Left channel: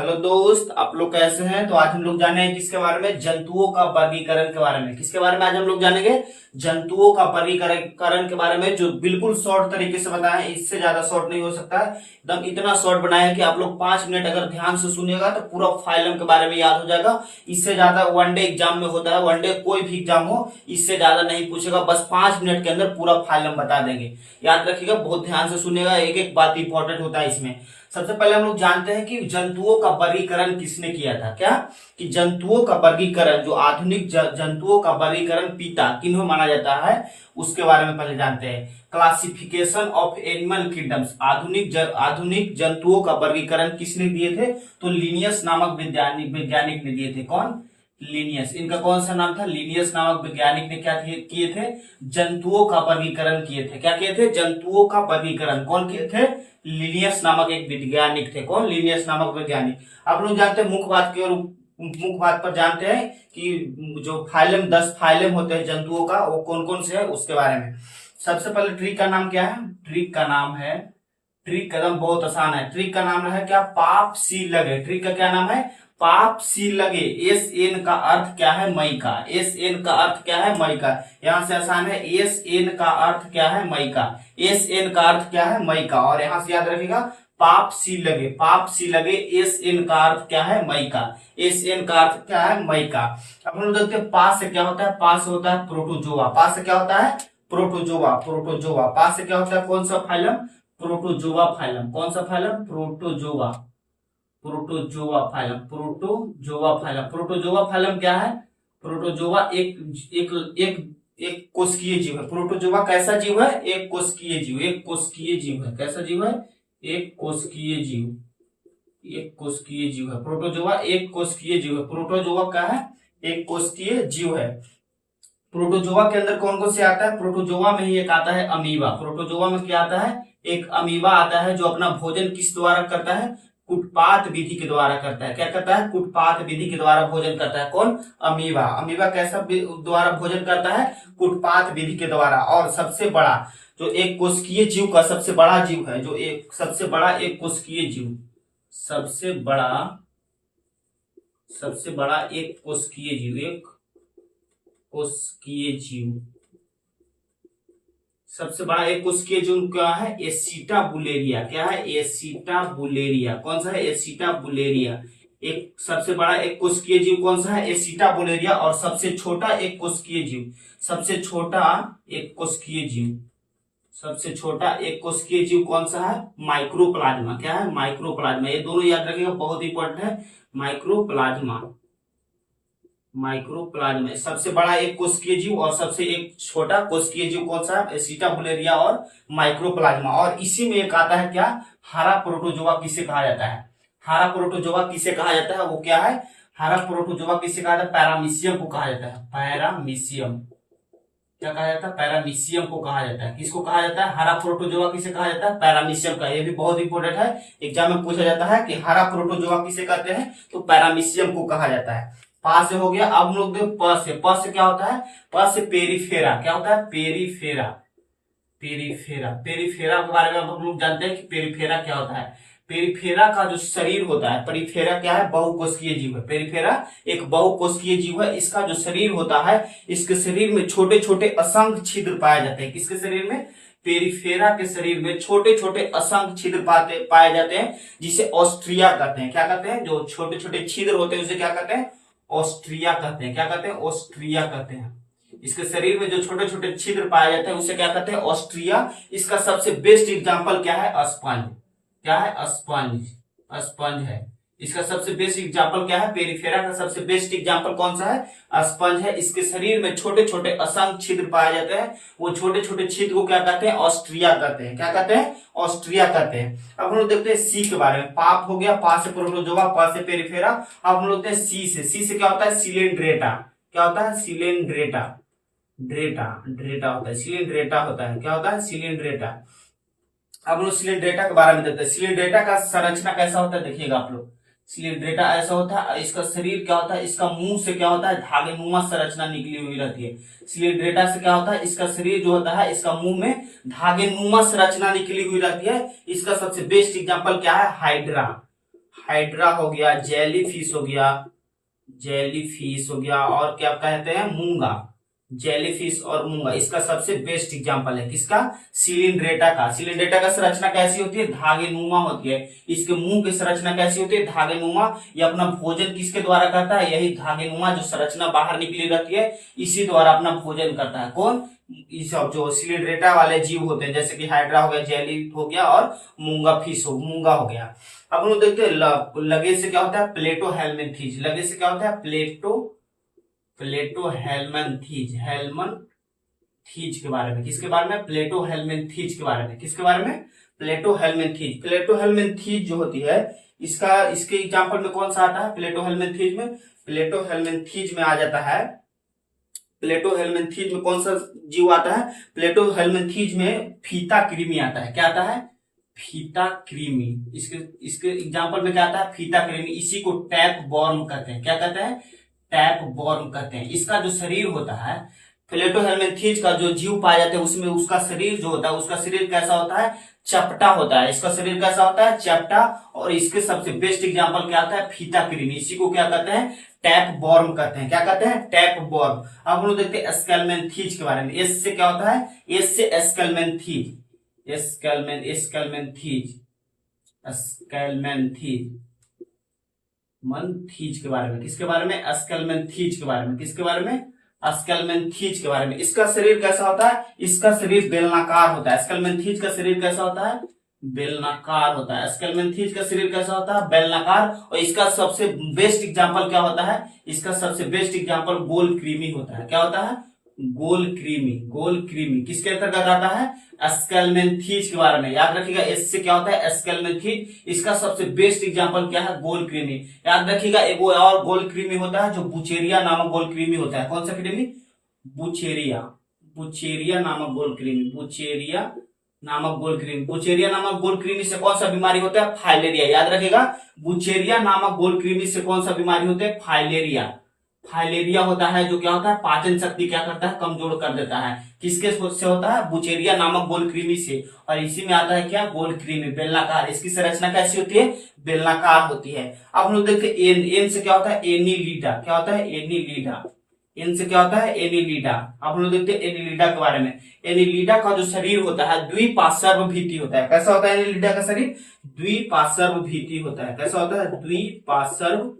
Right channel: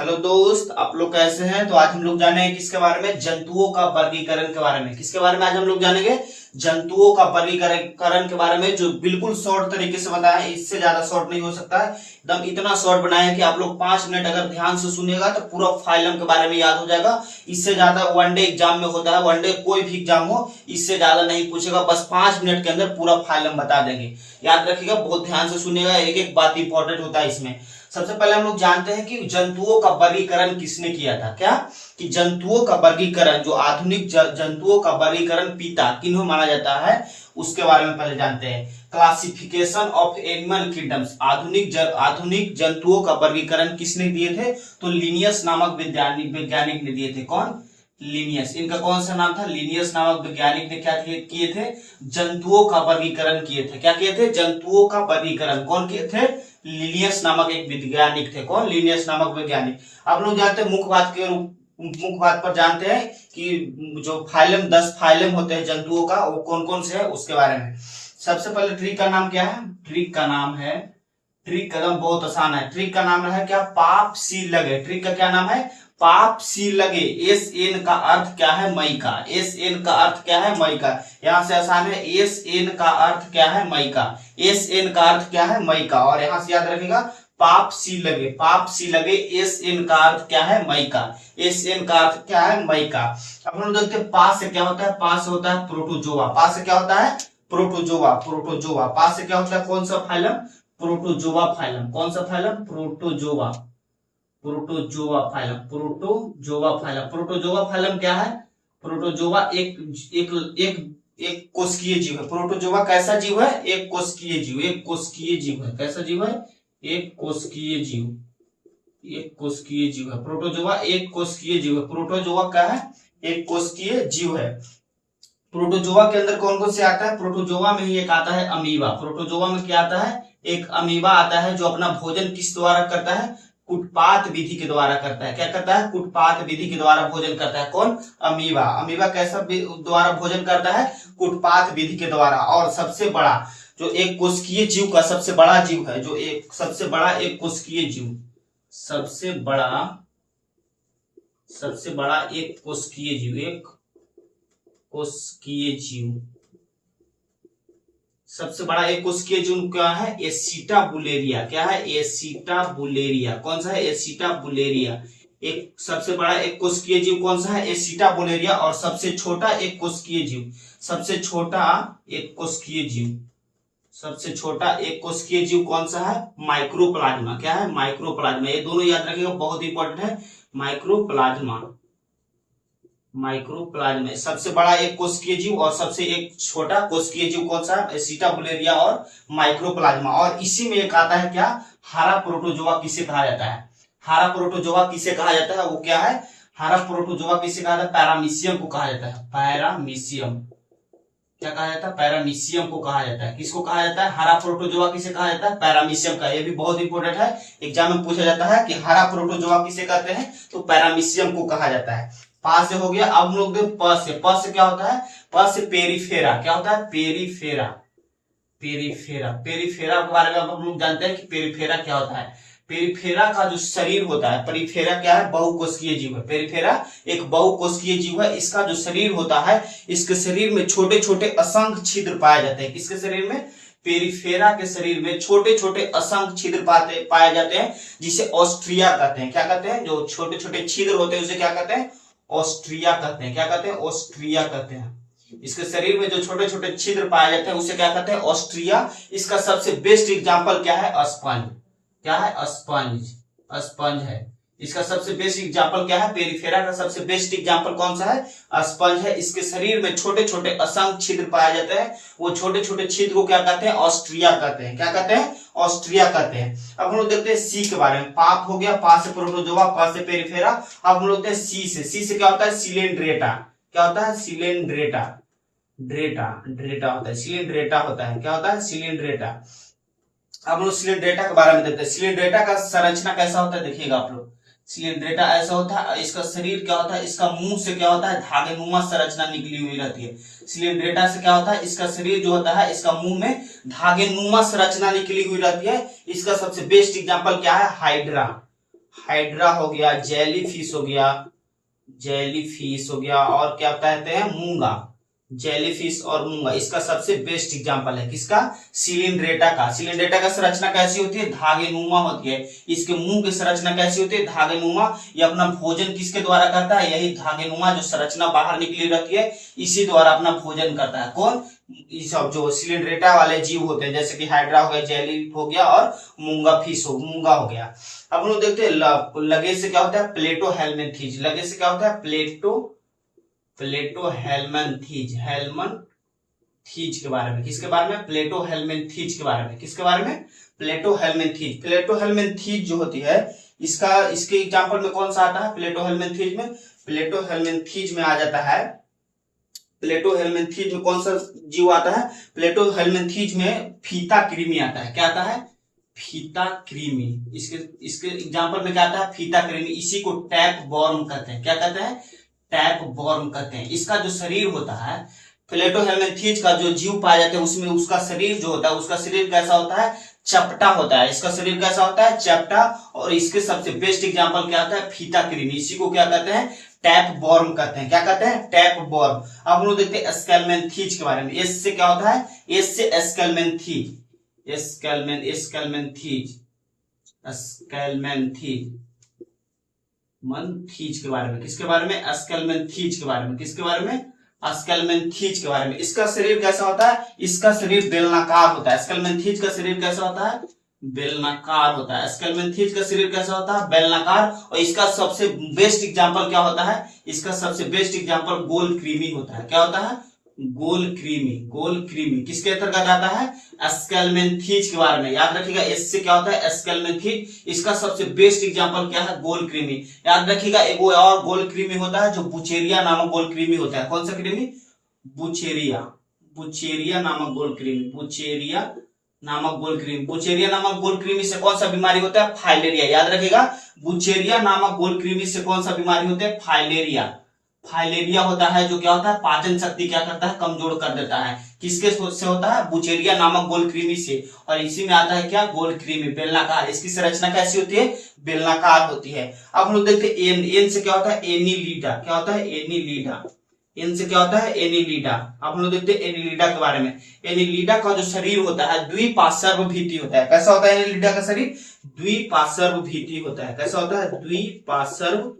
Hello दोस्त, आप लोग कैसे हैं। तो आज हम लोग जानेंगे किसके बारे में, जंतुओं का वर्गीकरण के बारे में। किसके बारे में आज हम लोग जानेंगे, जंतुओं का वर्गीकरण के बारे में, जो बिल्कुल शॉर्ट तरीके से बताया है। इससे ज्यादा शॉर्ट नहीं हो सकता है, एकदम इतना शॉर्ट बनाया है कि आप लोग 5 मिनट अगर ध्यान से सुनिएगा तो पूरा फाइलम के बारे में याद हो जाएगा। इससे ज्यादा वनडे एग्जाम में होता है, वनडे कोई भी एग्जाम हो इससे ज्यादा नहीं पूछेगा, बस 5 मिनट के अंदर पूरा फाइलम बता देंगे। याद रखिएगा, बहुत ध्यान से सुनिएगा, एक एक बात इंपॉर्टेंट होता है इसमें। सबसे पहले हम लोग जानते हैं कि जंतुओं का वर्गीकरण किसने किया था। क्या कि जंतुओं का वर्गीकरण, जो आधुनिक जंतुओं का वर्गीकरण पिता किन्हों माना जाता है, उसके बारे में पहले जानते हैं। क्लासिफिकेशन ऑफ एनिमल किंगडम्स, आधुनिक जंतुओं का वर्गीकरण किसने दिए थे, तो लिनियस नामक वैज्ञानिक ने दिए थे। कौन? लिनियस। इनका कौन सा नाम था? लिनियस नामक वैज्ञानिक ने क्या किए थे, जंतुओं का वर्गीकरण किए थे। क्या किए थे? जंतुओं का वर्गीकरण कौन किए थे? लिनियस नामक एक वैज्ञानिक थे। कौन? लिनियस नामक वैज्ञानिक। आप लोग जानते हैं, मुख्य बात पर जानते हैं कि जो फाइलम 10 फाइलम होते हैं जंतुओं का, वो कौन कौन से है उसके बारे में। सबसे पहले ट्री का नाम क्या है? ट्री का नाम है, ट्री कदम बहुत आसान है। ट्री का नाम है क्या? पाप सी लगे। ट्री का क्या नाम है? पाप सी लगे। एस एन का अर्थ क्या है? मई का। एस एन का अर्थ क्या है? मई का। यहां से आसान है, एस एन का अर्थ क्या है? मई का। एस एन का अर्थ क्या है? मई का। और यहां से याद रखिएगा, पाप सी लगे, पाप सी लगे, एस एन का अर्थ क्या है? मई का। एस एन का अर्थ क्या है? मई का। अब हम लोग देखते हैं पा से क्या होता है। पा से होता है प्रोटोजोआ। पा से क्या होता है? प्रोटोजोआ। प्रोटोजोआ। पा से क्या होता है? कौन सा फाइलम? Protozoa phylum. कौन सा phylum? Protozoa. Protozoa phylum. Protozoa phylum. Protozoa phylum क्या है? प्रोटोजोआ एक एक एक एक कोशिकीय जीव है। प्रोटोजोआ कैसा जीव है? एक कोशिकीय जीव। एक कोशिकीय जीव है। कैसा जीव है? एक कोशिकीय जीव। एक कोशिकीय जीव है प्रोटोजोआ। एक कोशिकीय जीव है। प्रोटोजोआ क्या है? एक कोशिकीय जीव है। प्रोटोजोआ के अंदर कौन कौन से आता है? प्रोटोजोआ में ही एक आता है अमीबा। प्रोटोजोआ में क्या आता है? एक अमीबा आता है, जो अपना भोजन किस द्वारा करता है? कुटपात विधि के द्वारा करता है। क्या करता है? कुटपात विधि के द्वारा भोजन करता है। कौन? अमीबा। अमीबा कैसा द्वारा भोजन करता है? कुटपात विधि के द्वारा। और सबसे बड़ा जो एक कोशिकीय जीव का सबसे बड़ा जीव है, जो एक सबसे बड़ा एक कोशिकीय जीव, सबसे बड़ा एक कोशिकीय जीव, एक कोशिकीय जीव, सबसे बड़ा एक कोशिकीय जीव क्या है? एसिटाबुलेरिया। क्या है? एसिटाबुलेरिया। कौन सा है? एसिटाबुलेरिया। एक सबसे बड़ा एक कोशिकीय जीव कौन सा है? एसिटाबुलेरिया। और सबसे छोटा एक कोशिकीय जीव, सबसे छोटा एक कोशिकीय जीव, सबसे छोटा एक कोशिकीय जीव कौन सा है? माइक्रोप्लाज्मा। क्या है? माइक्रोप्लाज्मा। ये दोनों याद रखिएगा, बहुत इंपॉर्टेंट है। माइक्रोप्लाज्मा। माइक्रोप्लाज्मा सबसे बड़ा एक कोशिकीय जीव, और सबसे एक छोटा कोशिकीय जीव कौन सा है? एसिटाबुलेरिया और माइक्रोप्लाज्मा। और इसी में एक आता है क्या? हरा प्रोटोजोआ किसे कहा जाता है? हरा प्रोटोजोआ किसे कहा जाता है? वो क्या है? हरा प्रोटोजोआ किसे कहा जाता है? पैरामीशियम को कहा जाता है। पैरामीशियम। क्या कहा जाता है? पैरामीशियम को कहा जाता है। किसको कहा जाता है? हरा प्रोटोजोआ किसे कहा जाता है? पैरामीशियम का। ये भी बहुत इंपॉर्टेंट है, एग्जाम में पूछा जाता है कि हरा प्रोटोजोआ किसे कहते हैं, तो पैरामीशियम को कहा जाता है। पा से हो गया। अब हम लोग देख प से। प से क्या होता है? प से पेरीफेरा। क्या होता है? पेरीफेरा। पेरीफेरा। पेरीफेरा के बारे में हम लोग जानते हैं कि पेरीफेरा क्या होता है। पेरीफेरा का जो शरीर होता है, पेरीफेरा क्या है? बहुकोशिकीय जीव है। पेरीफेरा एक बहुकोशिकीय जीव है। इसका जो शरीर होता है, इसके शरीर में छोटे छोटे असंख्य छिद्र पाए जाते हैं। किसके शरीर में? पेरीफेरा के शरीर में छोटे छोटे असंख्य छिद्र पाए जाते हैं, जिसे ऑस्ट्रिया कहते हैं। क्या कहते हैं? जो छोटे छोटे छिद्र होते हैं उसे क्या कहते हैं? ऑस्ट्रिया कहते हैं। क्या कहते हैं? ऑस्ट्रिया कहते हैं। इसके शरीर में जो छोटे छोटे छिद्र पाए जाते हैं उसे क्या कहते हैं? ऑस्ट्रिया। इसका सबसे बेस्ट एग्जांपल क्या है? स्पंज। क्या है? स्पंज। स्पंज है। इसका सबसे बेस्ट एग्जांपल क्या है? पेरिफेरा का सबसे बेस्ट एग्जांपल कौन सा है? स्पंज है। इसके शरीर में छोटे छोटे असंख्य छिद्र पाए जाते हैं। वो छोटे छोटे छिद्र को क्या कहते हैं? ऑस्ट्रिया कहते हैं। क्या कहते हैं? ऑस्ट्रिया कहते हैं। अब हम लोग देखते हैं सी के बारे में। पाप हो गया, पा से प्रोटोजोआ, पा से पेरिफेरा। अब हम लोग देखते हैं सी से। सी से क्या होता है? सिलेंड्रेटा। क्या होता है? सिलेंड्रेटा। ड्रेटा। ड्रेटा होता है। सिलेंड्रेटा होता है। क्या होता है? सिलेंड्रेटा। अब हम लोग सिलेंड्रेटा के बारे में देखते हैं। सिलेंड्रेटा का संरचना कैसा होता है, देखिएगा आप लोग। सिलेंड्रेटा ऐसा होता है। इसका शरीर क्या होता है? इसका मुंह से क्या होता है? धागेनुमा संरचना निकली हुई रहती है। सिलेंड्रेटा से क्या होता है? इसका शरीर जो होता है, इसका मुंह में धागेनुमा संरचना निकली हुई रहती है। इसका सबसे बेस्ट एग्जांपल क्या है? हाइड्रा। हाइड्रा हो गया, जेली फिश हो गया, जेली फिश हो गया, और क्या कहते हैं, मूंगा, जेलीफिश और मूंगा। इसका सबसे बेस्ट एग्जांपल है किसका, सिलिंड्रेटा का। सिलिंड्रेटा का संरचना कैसी होती है, धागेनुमा होती है। इसके मुंह की संरचना कैसी होती है, धागेनुमा। ये अपना भोजन किसके द्वारा करता है, यही धागेनुमा जो संरचना बाहर निकली रहती है, इसी द्वारा अपना भोजन करता है। कौन, ये सब जो सिलिंड्रेटा वाले जीव होते हैं, जैसे कि हाइड्रा हो गया, जेली हो गया, और मूंगा हो गया। अब लोग देखते हैं लगे से क्या होता है, प्लेटो हेलमिंथीज। लगे से क्या होता है, प्लेटो हेलमिंथीज, हेलमिंथीज के बारे में। किसके बारे में, प्लेटो हेलमिंथीज के बारे में। किसके बारे में, प्लेटो हेलमिंथीज। प्लेटो हेलमिंथीज जो होती है, इसके एग्जांपल में कौन सा आता है, प्लेटो हेलमिंथीज में, प्लेटो हेलमिंथीज में आ जाता है, प्लेटो हेलमिंथीज में कौन सा जीव आता है, प्लेटो हेलमिंथीज में फीता कृमि आता है। क्या आता है, फीता कृमि। इसके एग्जांपल में क्या आता है, फीता कृमि। इसी को टैप वॉर्म कहते हैं। क्या कहते हैं, टैप वॉर्म कहते हैं। इसका जो शरीर होता है, प्लेटो हेलमिंथीज का जो जीव पाया जाता है, उसमें उसका शरीर जो होता है, उसका शरीर कैसा होता है, चपटा होता है। इसका शरीर कैसा होता है, चपटा। और इसके सबसे बेस्ट एग्जांपल क्या आता है, फीता कृमि। इसी को क्या कहते हैं, टैप वॉर्म कहते हैं। क्या कहते हैं, टैप वॉर्म। अब हम लोग देखते हैं स्केलमेंथीज के बारे में। एस से क्या होता है, एस से स्केलमेंथीज, स्केलमेंथीज मंथीज के बारे में। किसके बारे में, स्केलमेंथीज के बारे में। किसके बारे में, स्केलमेंथीज के बारे में। इसका शरीर कैसा होता है, इसका शरीर बेलनाकार होता है। स्केलमेंथीज का शरीर कैसा होता है, बेलनाकार होता है। स्केलमेंथीज का शरीर कैसा होता है, बेलनाकार। और इसका सबसे बेस्ट एग्जांपल क्या होता है, इसका सबसे बेस्ट एग्जांपल गोल कृमि होता है। क्या होता है, गोल कृमि। गोल कृमि किसके अंतर्गत आता है, स्केलमेंथीज के बारे में। याद रखिएगा, एस से क्या होता है, स्केलमेंथीज। इसका सबसे बेस्ट एग्जांपल क्या है, गोल कृमि। याद रखिएगा, एक और गोल कृमि होता है जो बुचेरिया नामक गोल कृमि होता है। कौन सा कृमि, बुचेरिया, बुचेरिया नामक गोल कृमि, बुचेरिया नामक गोल कृमि। बुचेरिया नामक गोल कृमि से कौन सा बीमारी होता है, फाइलेरिया। याद रखिएगा, बुचेरिया नामक गोल कृमि से कौन सा बीमारी होता है, फाइलेरिया। फाइलेरिया होता है जो क्या होता है, पाचन शक्ति क्या करता है, कमजोर कर देता है। किसके से होता है, बुचेरिया नामक गोल कृमि से। और इसी में आता है क्या, गोल कृमि, बेलनाकार। इसकी संरचना कैसी होती है, बेलनाकार होती है। अब हम लोग देखते हैं एन। एन से क्या होता है, एनीलिडा। क्या होता है, एनीलिडा। एन से क्या होता है, एनीलिडा। अब हम लोग देखते हैं एनीलिडा के बारे में। एनीलिडा का जो शरीर होता है, द्विपार्श्वभीति होता है। कैसा होता है एनीलिडा का शरीर, द्विपार्श्वभीति होता है। कैसा होता है, द्विपार्श्वभीति।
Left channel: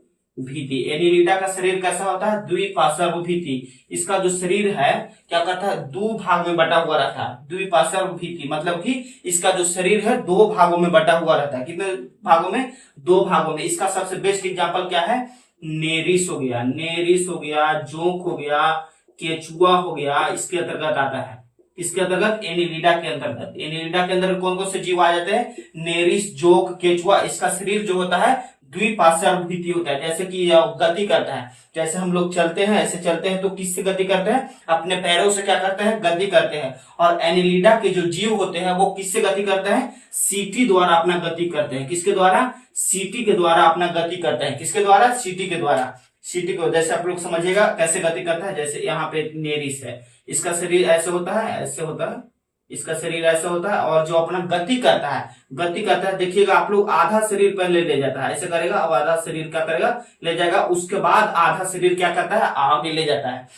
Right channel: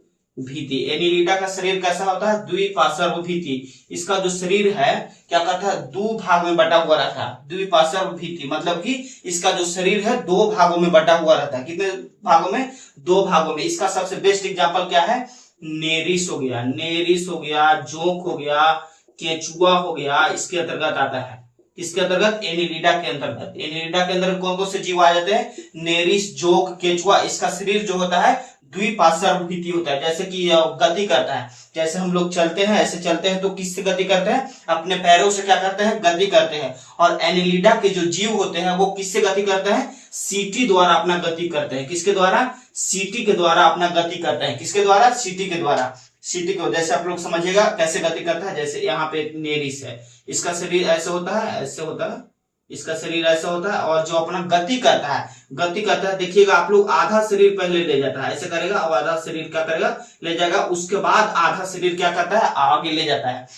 एनीलिडा का शरीर कैसा होता है, द्विपार्श्वभीति। इसका जो शरीर है क्या करता है, दो भाग में बटा हुआ रहता है। द्विपार्श्वभीति मतलब कि इसका जो शरीर है दो भागों में बटा हुआ रहता है। कितने भागों में, दो भागों में। इसका सबसे बेस्ट एग्जांपल क्या है, नेरिस हो गया, नेरिस हो गया, जोंक हो गया, केचुआ हो गया, इसके अंतर्गत आता है। इसके अंतर्गत, एनीलिडा के अंतर्गत। एनीलिडा के अंदर कौन कौन से जीव आ जाते हैं, नेरिस, जोंक, केचुआ। इसका शरीर जो होता है द्विपार्श्वभीति होता है। जैसे कि गति करता है, जैसे हम लोग चलते हैं, ऐसे चलते हैं तो किससे गति करते हैं, अपने पैरों से क्या करते हैं, गति करते हैं। और एनीलिडा के जो जीव होते हैं वो किससे गति करते हैं, सीटी द्वारा अपना गति करते हैं। किसके द्वारा, सीटी के द्वारा अपना गति करते हैं। किसके द्वारा, सीटी के द्वारा। सीटी को जैसे आप लोग समझिएगा कैसे गति करता है। जैसे यहाँ पे एक नेरिस है, इसका शरीर ऐसे होता है, ऐसे होता है, इसका शरीर ऐसा होता है। और जो अपना गति करता है, देखिएगा आप लोग, आधा शरीर पहले ले जाता है, ऐसे करेगा, और आधा शरीर क्या करेगा, ले जाएगा। उसके बाद आधा शरीर क्या करता है, आगे ले जाता है।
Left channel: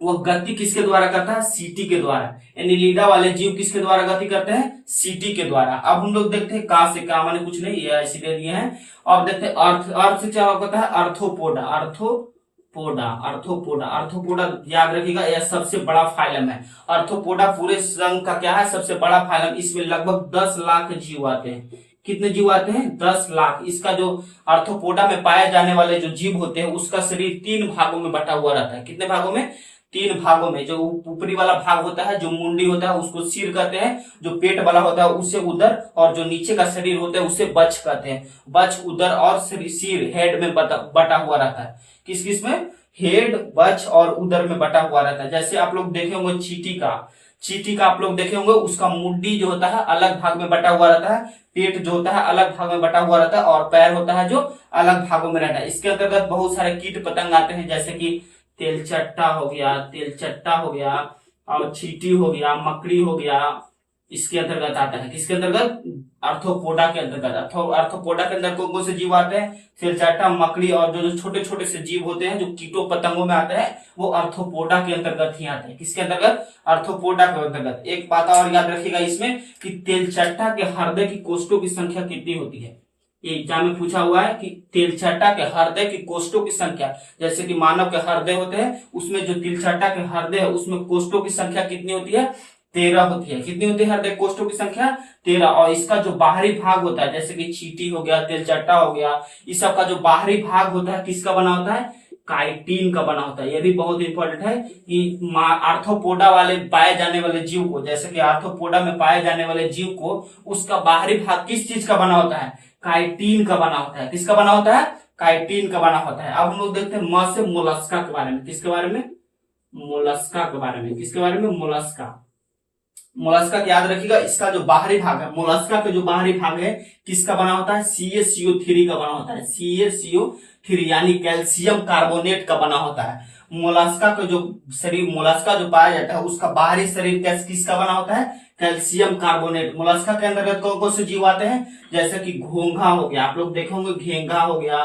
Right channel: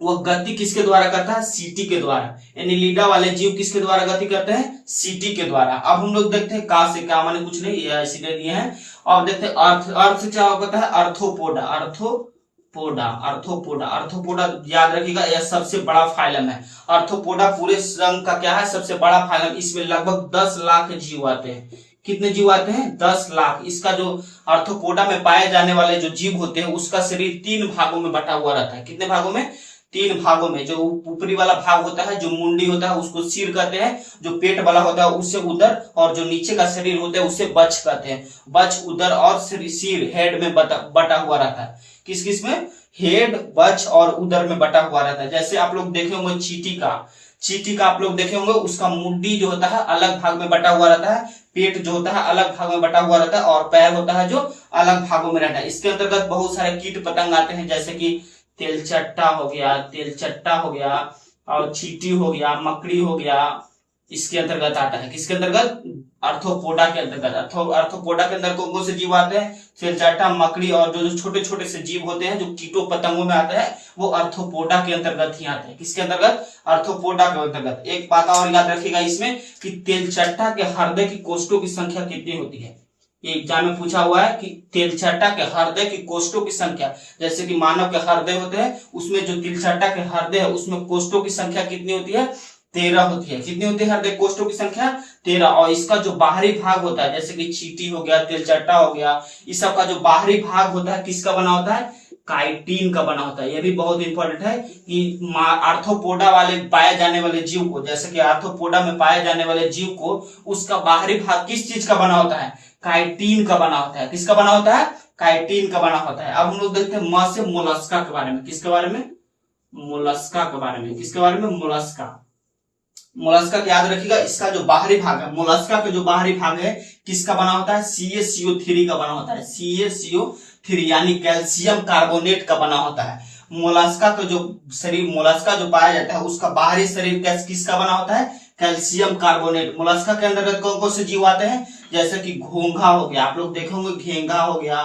वो गति किसके द्वारा करता है, सीटी के द्वारा। एनीलिडा वाले जीव किसके द्वारा गति करते हैं, सीटी के द्वारा। अब हम लोग देखते हैं का से, का माने कुछ नहीं, ये इसीलिए दिए हैं। और देखते हैं अर्थ। अर्थ से क्या होता है, अर्थोपोडा, अर्थोपोडा याद रखिएगा, यह सबसे बड़ा फाइलम है। अर्थोपोडा पूरे संघ का क्या है, सबसे बड़ा फाइलम। इसमें लगभग 10 लाख जीव आते हैं। कितने जीव आते हैं, 10 लाख। इसका जो अर्थोपोडा में पाए जाने वाले जो जीव होते हैं, उसका शरीर 3 भागों में बटा हुआ रहता है। कितने भागों में, 3 भागों में। जो ऊपरी वाला भाग होता है, जो मुंडी होता है, उसको सिर कहते हैं। जो पेट वाला होता है उसे उदर, और जो नीचे का शरीर होता है उसे बच कहते हैं। बच, उदर और सिर, हेड में बटा हुआ रहता है। किस किस में, हेड, बच और उदर में बटा हुआ रहता है। जैसे आप लोग देखे होंगे चींटी का आप लोग देखे होंगे, उसका मुंडी जो होता है अलग भाग में बटा हुआ रहता है, पेट जो होता है अलग भाग में बटा हुआ रहता है, और पैर होता है जो अलग भागों में रहता है। इसके अंतर्गत बहुत सारे कीट पतंग आते हैं, जैसे कि तेलचट्टा हो गया, और चींटी हो गया, मकड़ी हो गया, इसके अंतर्गत आता है। किसके अंतर्गत? आर्थ्रोपोडा के अंतर्गत। आर्थ्रोपोडा के अंदर कौन कौन से जीव आते हैं? तिलचट्टा, मकड़ी और जो छोटे छोटे से जीव होते हैं जो कीटों पतंगों में आते हैं वो आर्थ्रोपोडा के अंतर्गत ही आते हैं। किसके अंतर्गत? आर्थ्रोपोडा के अंतर्गत। एक बात और याद रखिएगा इसमें कि तेलचट्टा के हृदय की कोष्ठों की संख्या कितनी होती है। ये एग्जाम में पूछा हुआ है कि तेलचट्टा के हृदय की कोष्ठों की संख्या, जैसे कि मानव के हृदय होते हैं उसमें जो तिलचट्टा के हृदय है उसमें कोष्ठों की संख्या कितनी होती है? 13 होती है। कितनी होती है हृदय कोष्ठों की संख्या? 13। और इसका जो बाहरी भाग होता है जैसे कि चींटी हो गया, तिलचट्टा हो गया, इस सब का जो बाहरी भाग होता है किसका बना होता है? काइटिन का बना होता है। यह भी बहुत इंपॉर्टेंट है कि आर्थ्रोपोडा वाले पाए जाने वाले जीव को, जैसे कि आर्थ्रोपोडा में पाए जाने वाले जीव को उसका बाहरी भाग किस चीज का बना होता है? काइटिन का बना होता है। किसका बना होता है? काइटिन का बना होता है। अब हम लोग देखते हैं म से मोलस्का के बारे में। किसके बारे में? मोलस्का के बारे में। किसके बारे में? मोलस्का। मोलस्का का याद रखिएगा, इसका जो बाहरी भाग है, मोलस्का का जो बाहरी भाग है किसका बना होता है? CaCO3 का बना होता है। CaCO3 यानी कैल्शियम कार्बोनेट का बना होता है। मोलस्का का जो शरीर, मोलस्का जो पाया जाता है उसका बाहरी शरीर किसका बना होता है? Calcium carbonate. मोलस्का के अंतर्गत कौन कौन से जीव आते हैं? जैसे कि घोंघा हो गया, आप लोग देखे होंगे घेंघा हो गया,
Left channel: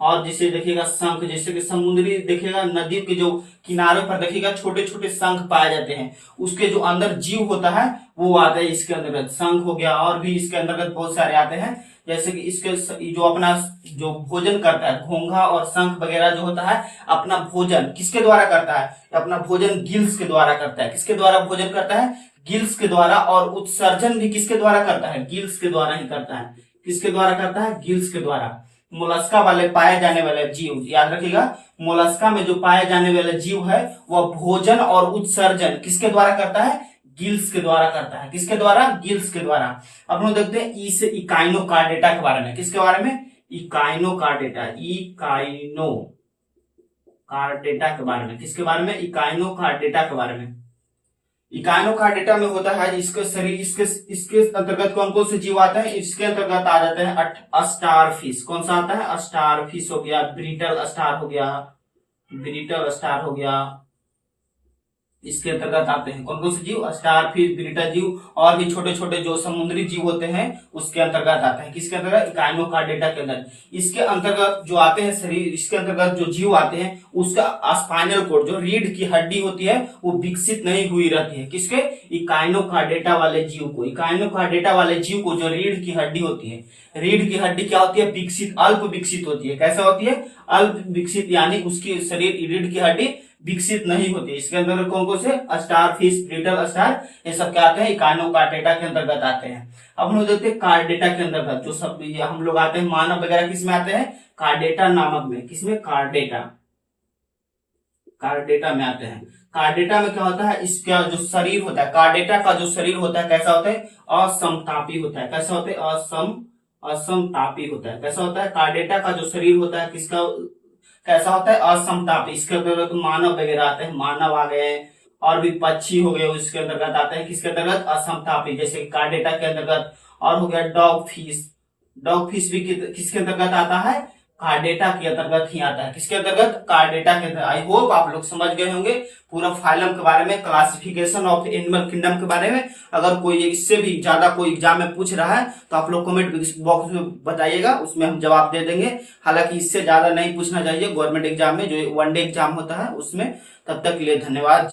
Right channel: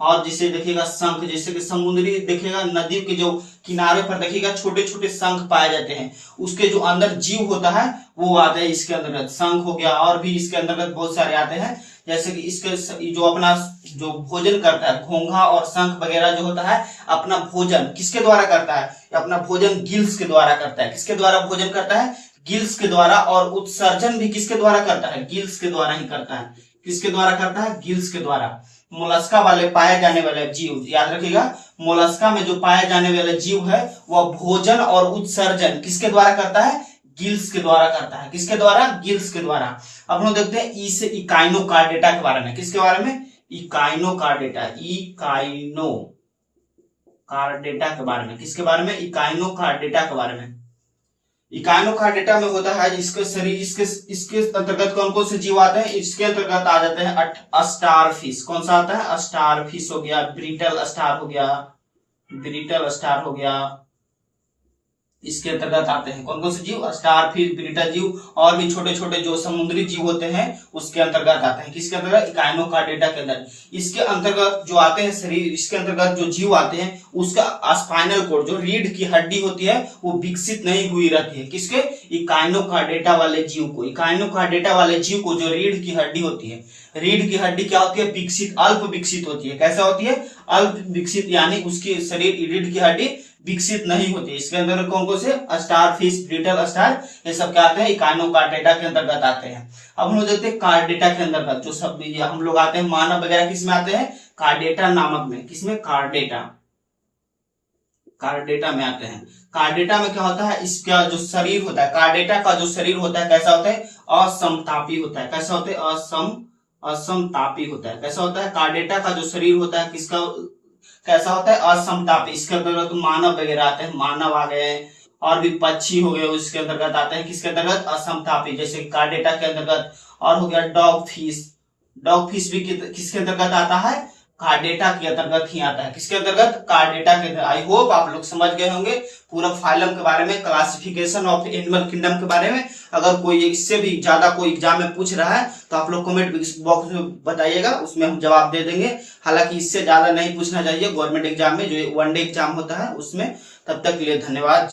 और जिसे देखिएगा शंख, जैसे कि समुद्री देखिएगा नदी के जो किनारे पर देखिएगा छोटे छोटे शंख पाए जाते हैं, उसके जो अंदर जीव होता है वो आते हैं इसके अंतर्गत। शंख हो गया, और भी इसके अंतर्गत बहुत सारे आते हैं। जैसे कि इसके जो अपना जो भोजन करता है, घोंघा और शंख वगैरह जो होता है अपना भोजन किसके द्वारा करता है? अपना भोजन गिल्स के द्वारा करता है। किसके द्वारा भोजन करता है? गिल्स के द्वारा। और उत्सर्जन भी किसके द्वारा करता है? गिल्स के द्वारा ही करता है। किसके द्वारा करता है? गिल्स के द्वारा। मोलस्का वाले पाए जाने वाले जीव, याद रखिएगा, मोलस्का में जो पाए जाने वाले जीव है वह भोजन और उत्सर्जन किसके द्वारा करता है? गिल्स के द्वारा करता है। किसके द्वारा? गिल्स के द्वारा। अब हम देखते हैं ई से इकाइनोकार्डेटा के बारे में। किसके बारे में? इकाइनोकार्डेटा। इकाइनोकार्डेटा के बारे में। किसके बारे में? इकाइनोकार्डेटा के बारे में। इकाइनोकार्डेटा में होता है इसके शरीर, इसके अंतर्गत कौन कौन से जीव आते हैं? इसके अंतर्गत आ जाते हैं स्टारफिश। कौन सा आता है? स्टारफिश हो गया, ब्रिटल स्टार हो गया, ब्रिटल स्टार हो गया, इसके अंतर्गत आते हैं। कौन कौन से जीव? स्टारफिश, ब्रिटल जीव, और भी छोटे छोटे जो समुद्री जीव होते हैं उसके अंतर्गत आते हैं। किसके अंतर्गत? इकाइनोकार्डेटा के अंदर। इसके अंतर्गत जो आते हैं शरीर, इसके अंतर्गत जो जीव आते हैं उसका स्पाइनल कोड, जो रीढ़ की हड्डी होती है वो विकसित नहीं हुई रहती है। किसके? इकाइनोकार्डेटा वाले जीव को। इकाइनोकार्डेटा वाले जीव को जो रीढ़ की हड्डी होती है, रीढ़ की हड्डी क्या होती है? विकसित, अल्प विकसित होती है। कैसा होती है? अल्प विकसित, यानी उसकी शरीर रीढ़ की हड्डी विकसित नहीं होती। इसके अंदर कौन कौन से? स्टारफिश, ब्रिटल स्टार, ये सब क्या आते हैं? इकाइनोकार्डेटा के अंतर्गत आते हैं। अब हम लोग देखते हैं कार्डेटा के अंतर्गत जो सब हम लोग आते हैं, मानव वगैरह किसमें आते हैं? कार्डेटा नामक में। किसमें? कार्डेटा, कार्डेटा में आते हैं। कार्डेटा में क्या होता है? इसका जो शरीर होता है, कार्डेटा का जो शरीर होता है कैसा होता है? असमतापी होता है। कैसा होता है? असमतापी होता है। कैसा होता है? कार्डेटा का जो शरीर होता है किसका कैसा होता है? असमतापी। इसके अंतर्गत मानव वगैरह आते हैं, मानव आ गए, और भी पक्षी हो गए इसके अंतर्गत आते हैं। किसके अंतर्गत? असमतापी, जैसे कार्डेटा के अंतर्गत। और हो गया डॉग फिश। डॉग फिश भी किसके अंतर्गत आता है? कार्डेटा के अंतर्गत ही आता है। किसके अंतर्गत? कार्डेटा के अंतर्गत। आई होप आप लोग समझ गए होंगे पूरा फाइलम के बारे में, क्लासिफिकेशन ऑफ एनिमल किंगडम के बारे में। अगर कोई इससे भी ज्यादा कोई एग्जाम में पूछ रहा है तो आप लोग कमेंट बॉक्स में बताइएगा, उसमें हम जवाब दे देंगे। हालांकि इससे ज्यादा नहीं पूछना चाहिए गवर्नमेंट एग्जाम में, जो 1 डे एग्जाम होता है उसमें। तब तक के लिए धन्यवाद।